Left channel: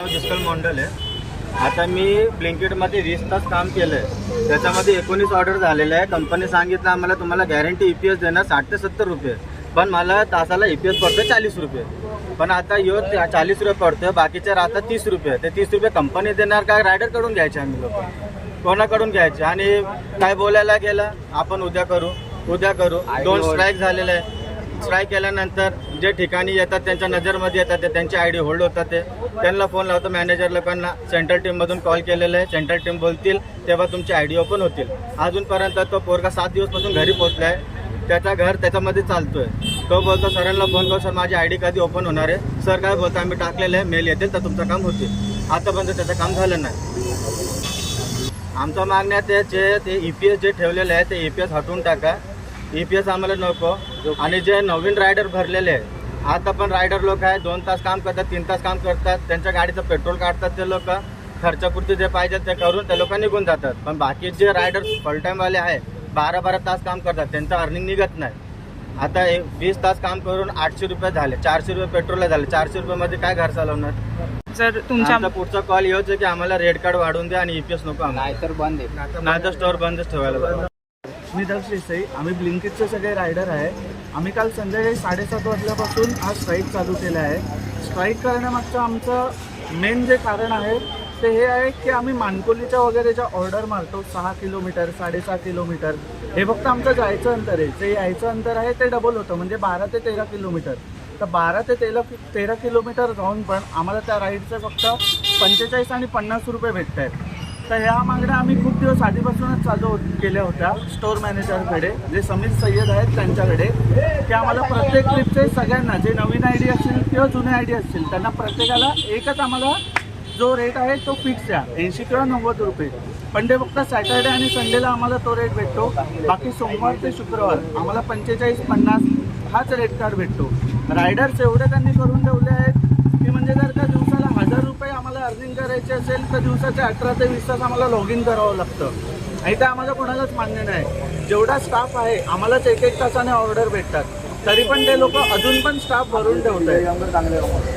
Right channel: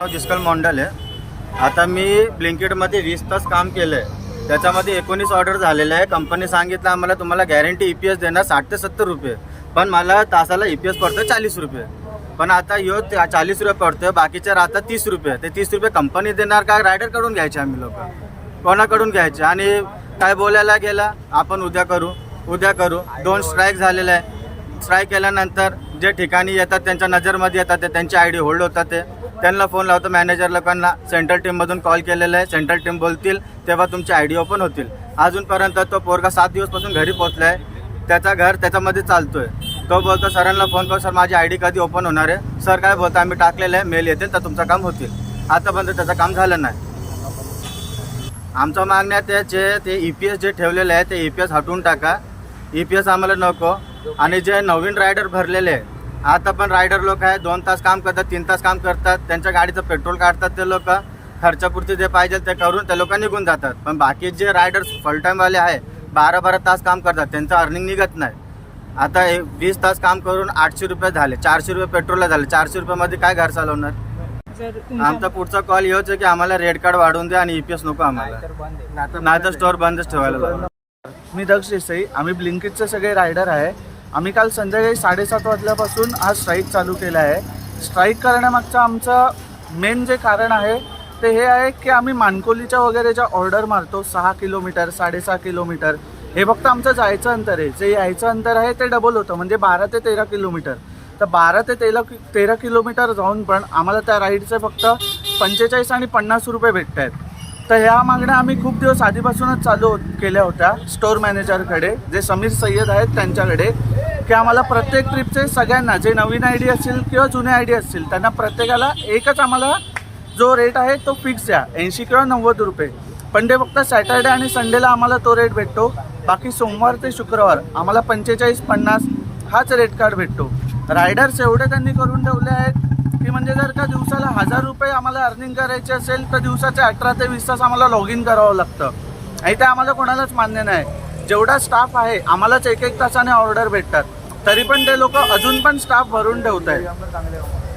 दुष्काळ मॉन्डल आहे. आता मी ब्लिंकिटमध्ये वीस तास काम केलं आहे त्याच्यामध्ये एकोणीस ऑर्डर झालेले आहे. कंपनी सांगितलं आम्हाला तुम्हाला गॅरंटी ई पी एस देणार साठ ते सत्तर रुपये. पण मला तासाला ई पी एस पडतं चाळीस रुपये. पण आता यो चाळीस रुपये पडतोय बाकीचे राहतात तीस रुपये. ते तीस रुपये कंपनी देणार काय रायडरकडून घ्यायचे आम्ही लोक? कोणाकडून घ्यायचे? आणि काय बोलायला गेला? आपण उद्या करू. उद्या करू. दोन स्ट्राईक झालेले आहे. स्ट्राईक केल्यानंतर जे ठिकाणी येतात त्यांच्या नजरमध्ये येतात ते त्यांचे आय डी होल्ड होतात ते. त्यांना फोन लावतो मॅनेजर लोकांना सेंट्रल टीममधून कॉल केलेला आहे. सेंट्रल टीम बोलतील तेव्हा तुमचे आय डी ओपन होतील. अजूनपर्यंत तो पोरगा सात दिवसपासून घरी पोचला आहे त्याचा घर त्याच्यामध्ये चालतोय. तो बोलतो सरांना फोन करू सर माझी आय डी कधी ओपन होणार आहे? सर काय बोलतो आम्ही टाकलेलं आहे मेल येतील तर तुमचं काम होतील. आतापर्यंत त्याचं काम झालं नाही. आमचं मागण्या ते जे ते ई पी एस जे ठेवलेलं आहे ते ई पी एस हटवून टाका. ई पी एस आम्हाला नको. आणि जे नवीन रायडर भरलेले आहे आता पण रायडर लोक आहे दोन तास काम करतात तीन तास काम करतात त्यांच्या गाडीचं पेट्रोल काढतात ते लोक खर्चापुरती जे पाहिजे ते करून ते लोक निघून जातात. पण बाकी जे रायडर फुल टाईमवाले आहे बारा बारा तास काम करतात त्यांचं अर्निंग निघत नाही. आता हे वीस तास काम करून आठशे रुपये झाले चारशे रुपये पेट्रोलला झाले चारशे रुपयामध्ये काय घर चालवणार? जर आमचा पुढचा कॉल येऊच की आम्हाला रेड कार्ड वाढवून द्या आणि ईपीएस नको आम्हाला. नाही तर स्टोअर बंदच ठेवायला लागेल मी दक्ष देसाई. आम्ही ब्लिंकिटचे सगळे रायडर आहे. आम्ही काल संध्याकाळी साडेसात वाजल्यापासून हा स्ट्राईक चालू केला आहे. स्ट्राईक करण्यामागचं आमचं मेन जे कारण आहे ते हे आहे की आम्ही मानकोलीच्या वगैरे ज्या ऑर्डर मारतो सहा किलोमीटर साडेसहा किलोमीटर हे फक्त आमचं जायचं अंतर आहे. जे यायचं अंतर आहे ते डबल होतं. म्हणजे बारा ते तेरा किलोमीटर. तर बारा ते तेरा तेरा किलोमीटर जाऊन पण आम्हाला त्या राईडचे फक्त पंचेचाळीस आणि पन्नास रुपये भेटत आहेत तर ह्या मागण्या आम्ही खूप दिवस आधीपासूनच चालू केल्या होत्या स्टोअर मॅनेजरकडे जे समीर सय्यद आहेत त्यांच्याकडे की आम्हाला प्रत्येक ट्रिपचे सगळ्यांना जे नवीन आय डी असतील किंवा जुने आय डी असतील त्यांना प्रत्येकाला एकच आम्हाला जो रेट आहे तो फिक्स द्या ऐंशी किंवा नव्वद रुपये. पण ते फक्त सॅटर्डे आणि संडेला आम्हाला तो रेट भेटतो. बाकी सोमवार ते शुक्रवार आम्हाला पंचेचाळीस पन्नास हाच रेट कार्ड भेटतो. रायडर्स एवढे त्यांनी करून ठेवले आहेत की म्हणजे जर का दिवसाला अर्निंग करायची असेल तर दिवसाचे अठरा ते वीस तास आम्हाला लॉग इन करावं लागतं. आणि ते आम्हाला कोणालाच मान्य नाही. जेवढा स्टाफ आहे आम्हालाच एक एक तासाने ऑर्डर भेटतात. तरी पण ते लोक अजून पण स्टाफ भरून ठेवत आहेत